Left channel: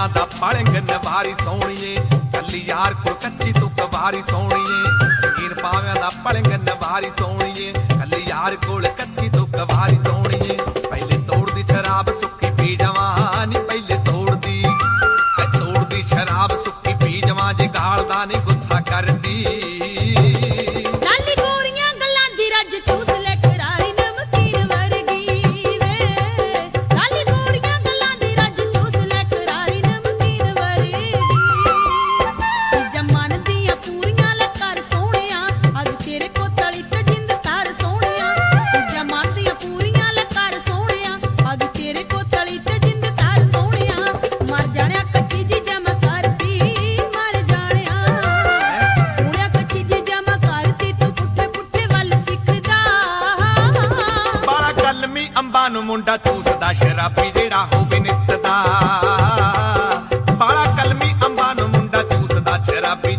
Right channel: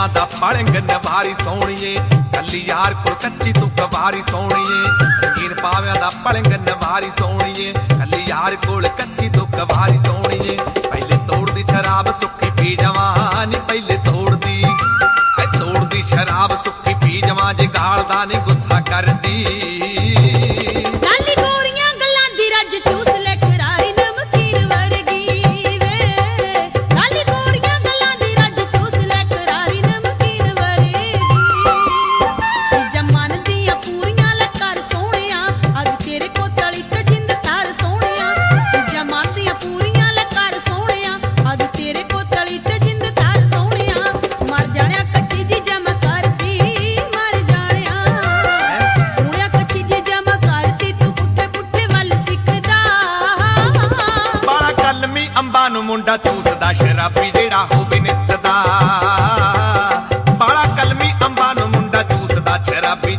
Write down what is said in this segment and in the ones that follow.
ਕੁੜੀਆਂ ਦਾ ਪਲੰਗ ਨਵਾਰੀ ਸੋਹਣੀਏ। ਕੱਲੀ ਯਾਰ ਕੋਲ ਕੱਚੀ ਤੂੰ ਕਵਾਰੀ ਸੋਹਣੀਏ। ਰੰਗੀਨ ਪਾਵਿਆਂ ਦਾ ਪਲੰਗ ਨਵਾਰੀ ਸੋਹਣੀਏ। ਕੱਲੀ ਯਾਰ ਕੋਲ ਕੱਚੀ ਤੂੰ ਕਵਾਰੀ ਸੋਹਣੀਏ। ਪਹਿਲੇ ਤੋੜਦੀ ਸ਼ਰਾਬ ਸੁੱਕੀ ਪੀ ਜਾਵਾਂ, ਨੀ ਪਹਿਲੇ ਤੋੜਦੀ ਐ ਤੋੜਦੀ ਸ਼ਰਾਬ ਸੁੱਕੀ ਪੀ ਜਾਵਾਂ, ਜੇ ਗਾਲਦਾ ਨਹੀਂ ਗੁੱਸਾ ਕਰਦੀ। ਲਾਲੀ ਗੋਰੀਆਂ ਗੱਲਾਂ ਦੀ ਰੱਜ ਚੂਸ ਲੈ ਤੇ ਜਿੰਦ ਤਾਰ ਸੋਹਣਿਆ ਪੂਰੀਆਂ ਸੋਹਣਿਆ। ਤੇਰੇ ਤੇ ਜਿੰਦ ਤਾਰ ਸੋਹਣਿਆ ਮਰ ਜਾਣਿਆ ਕੱਚੀ ਜੀ ਜਮ ਕਰਦੀ ਮਰ ਜਾਣਿਆ। ਸੋਹਣਿਆ ਕੱਚੀ ਜੀ ਜਮ ਕਰਦੀ ਤੂੰ ਪੁੱਠੇ ਪੁੱਠੇ ਵੱਲ ਸਿੱਖਦਾ। ਬਾਲਾ ਕਲਮੀ ਅੰਬਾਂ ਨੂੰ ਮੁੰਡਾ ਚੂਸਦਾ ਸ਼ਰਾਬੀ ਜਿਹੜਾ ਹੋਵੇ ਨਿੱਤ ਦਾ ਬਾਲਾ ਕਲਮੀ ਅੰਬਾਂ ਨੂੰ ਮੁੰਡਾ ਚੂਸਦਾ ਸ਼ਰਾਬੀ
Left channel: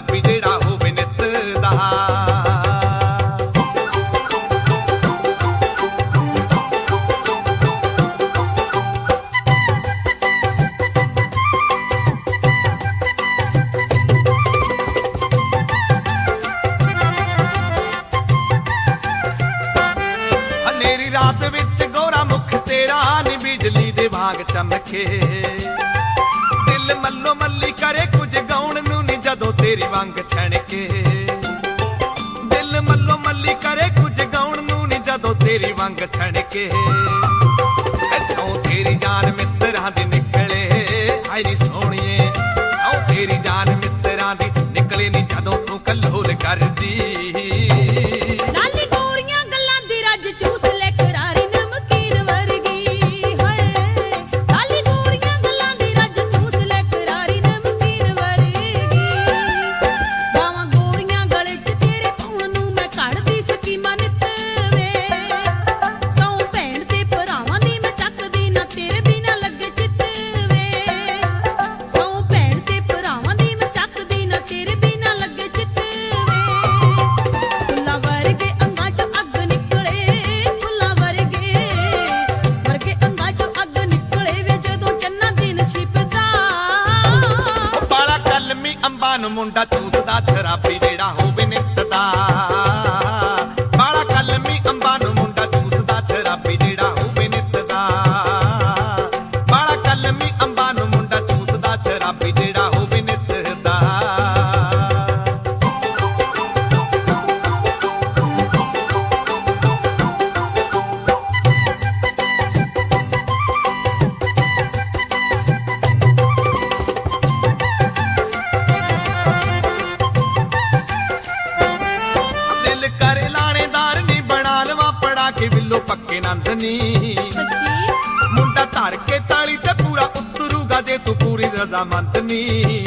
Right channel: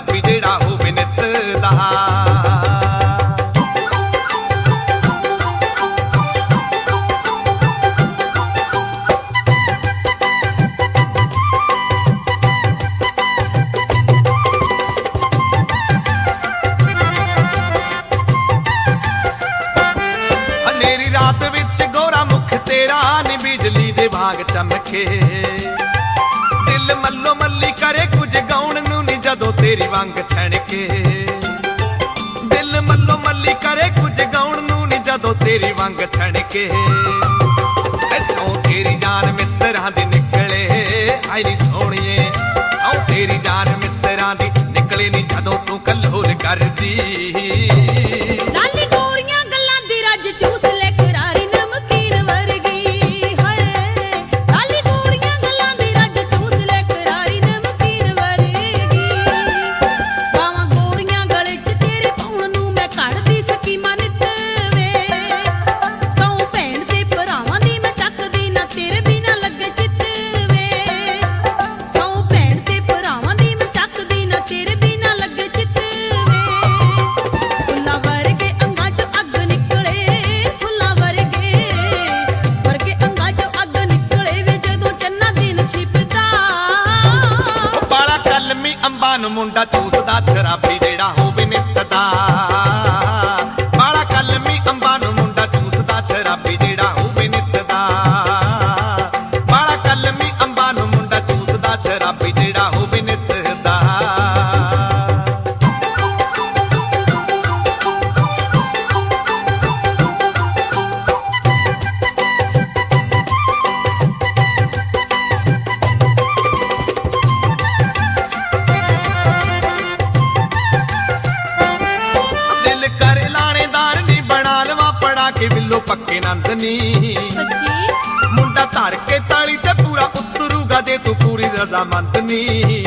ਚੂਸਦਾ ਜਿਹੜਾ ਹੋਵੇ ਨਿੱਤ ਦਾ। ਰਾਤ ਵਿੱਚ ਗੋਰਾ ਮੁਖ ਤੇਰਾ ਨੀ ਬਿਜਲੀ ਦੇ ਵਾਂਗ ਚਮਕੇ। ਦਿਲ ਮੱਲੋ ਮੱਲੀ ਕਰੇ ਕੁਝ ਗਾਉਣ ਜਦੋਂ ਤੇਰੀ ਵਾਂਗ ਛਣਕੇ। ਦਿਲ ਮੱਲੋ ਮੱਲੀ ਕਰੇ ਕੁਝ ਗਾਉਣ ਨੂੰ ਨੀ ਜਦੋਂ ਤੇਰੀ ਵਾਂਗ ਛਣਕੇ। ਐਸੋਂ ਤੇਰੀ ਜਾਨ ਮਿੱਤਰਾਂ ਦੀ ਨਿਕਲੇ ਆਈ ਨੀ ਸੋਹਣੀਏ। ਆਉ ਤੇਰੀ ਜਾਨ ਮਿੱਤਰਾਂ ਦੀ ਨਿਕਲੇ ਨੀ ਜਦੋਂ ਤੂੰ ਕੱਲੋਲ ਕਰਦੀ। ਲਾਲੀ ਨੂੰ ਮੁੰਡਾ ਚੂਸਦਾ ਸ਼ਰਾਬੀ ਜਿਹੜਾ ਹੋਵੇ ਨਿੱਤ ਦਾ। ਕਰੇ ਲਾਣੇਦਾਰ ਨਹੀਂ ਬਣਾ ਲਵਾ ਪੜਾ ਕੇ ਬਿੱਲੋ ਪੱਕੇ ਨੰਦਨੀ ਸੱਚੀ? ਮੁੰਡਾ ਧਰ ਕੇ ਤਾਲੀ ਤੇ ਪੂਰਾ ਉਤਰੂਗਾ ਜੇ ਤੂੰ ਪੂਰੀ ਰਜ਼ਾਮੰਦ ਨੀ।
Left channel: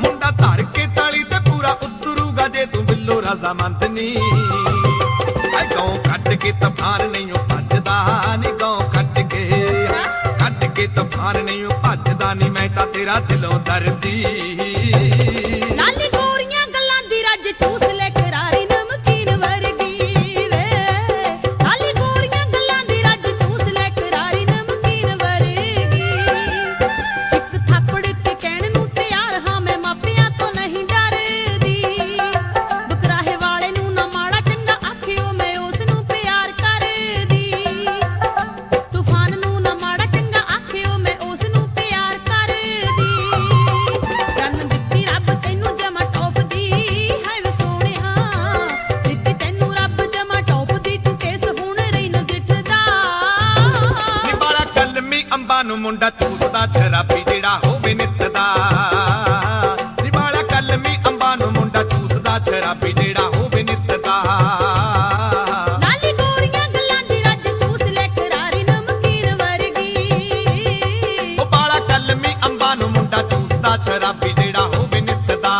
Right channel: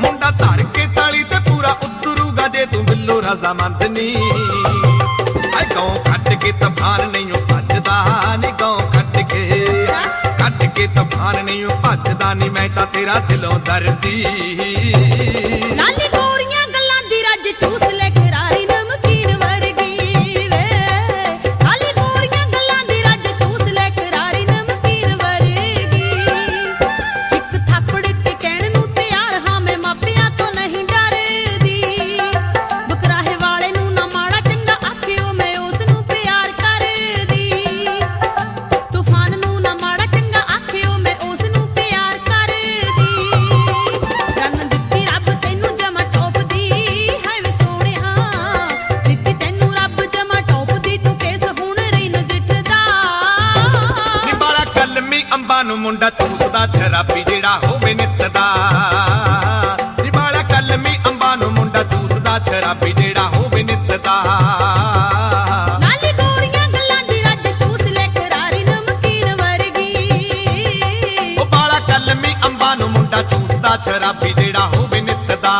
ਮੁੰਡਾ ਧਰ ਕੇ ਤਾਲੀ ਤੇ ਪੂਰਾ ਉਤਰੂਗਾ ਜੇ ਤੂੰ ਬਿੱਲੋ ਰਜ਼ਾਮੰਦ ਨੀ। ਐ ਗਾਉਂ ਕੱਟ ਕੇ ਤੂਫਾਨ ਨਹੀਂ ਓ ਭੱਜਦਾ ਨੀ ਗਾਉਂ ਕੱਟ ਕੇ। ਕੱਟ ਕੇ ਤੂਫਾਨ ਨਹੀਂ ਓ ਭੱਜਦਾ ਨੀ ਮੈਂ ਤਾਂ ਤੇਰਾ ਦਿਲੋਂ ਦਰਦੀ। ਲਾਲੀ ਗੋਰੀਆਂ ਗੱਲਾਂ ਦੀ ਰੱਜ ਚੂਸ ਲੈ ਨੂੰ ਮੁੰਡਾ ਚੂਸਦਾ ਸ਼ਰਾਬੀ ਜਿਹੜਾ ਹੋਵੇ ਨਿੱਤ ਦਾ ਬਾਲਾ ਕਲਮੀ ਅੰਬਾਂ ਨੂੰ ਮੁੰਡਾ ਚੂਸਦਾ ਸ਼ਰਾਬੀ ਜਿਹੜਾ ਹੋਵੇ ਨਿੱਤ ਦਾ ਕਲਮੀ ਅੰਬਾਂ ਨੂੰ ਮੁੰਡਾ ਚੂਸਦਾ ਸ਼ਰਾਬੀ ਜਿਹੜਾ ਹੋਵੇ ਨਿੱਤ ਦਾ